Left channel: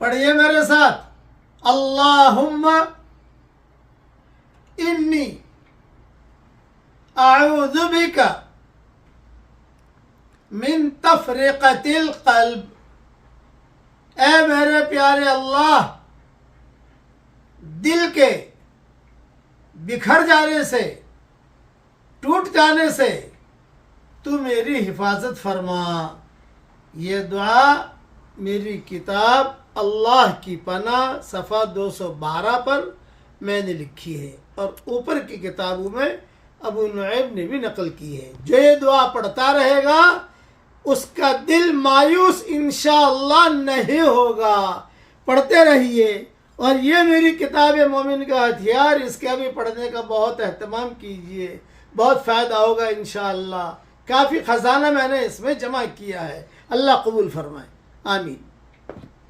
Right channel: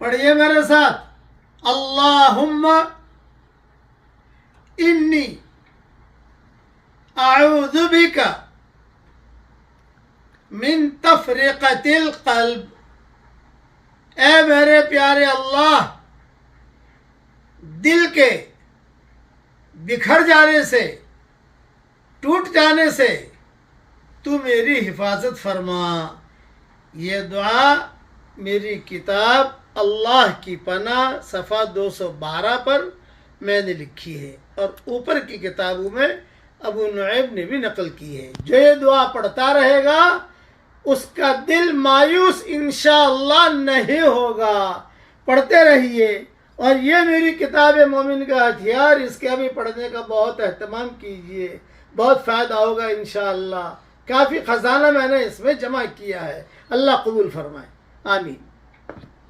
पढ़िए मेरे साथ, अल्लाहुम्मा इन्नी अऊज़ु बिका मिन तफरीक़तिल क़ल्ब। ए मेरे प्यारे अल्लाह, दिल के बिखर जाने से, टूट जाने से तू मेरी हिफाजत फरमा। ये दुआ मेरी किताब अल्लाह की पनाह सफ़ा 212 पर मैंने लिखी है और ऊपर की किताबों में अबू नुऐम ने भी नकल की है। जो ये दुआ पढ़ता रहेगा उसका दिल मायूस इंशाअल्लाह नहीं होगा। पढ़ते रहिए और ये मेरी किताब मोमिन का हथियार, इसके भी पढ़ने का बहुत एहतमाम कीजिए, बहुत फ़ायदा होगा इंशाअल्लाह। काफ़ी ख़जाना मैंने इसमें जमा किया है। अल्लाह कबूल फरमाए, आमीन।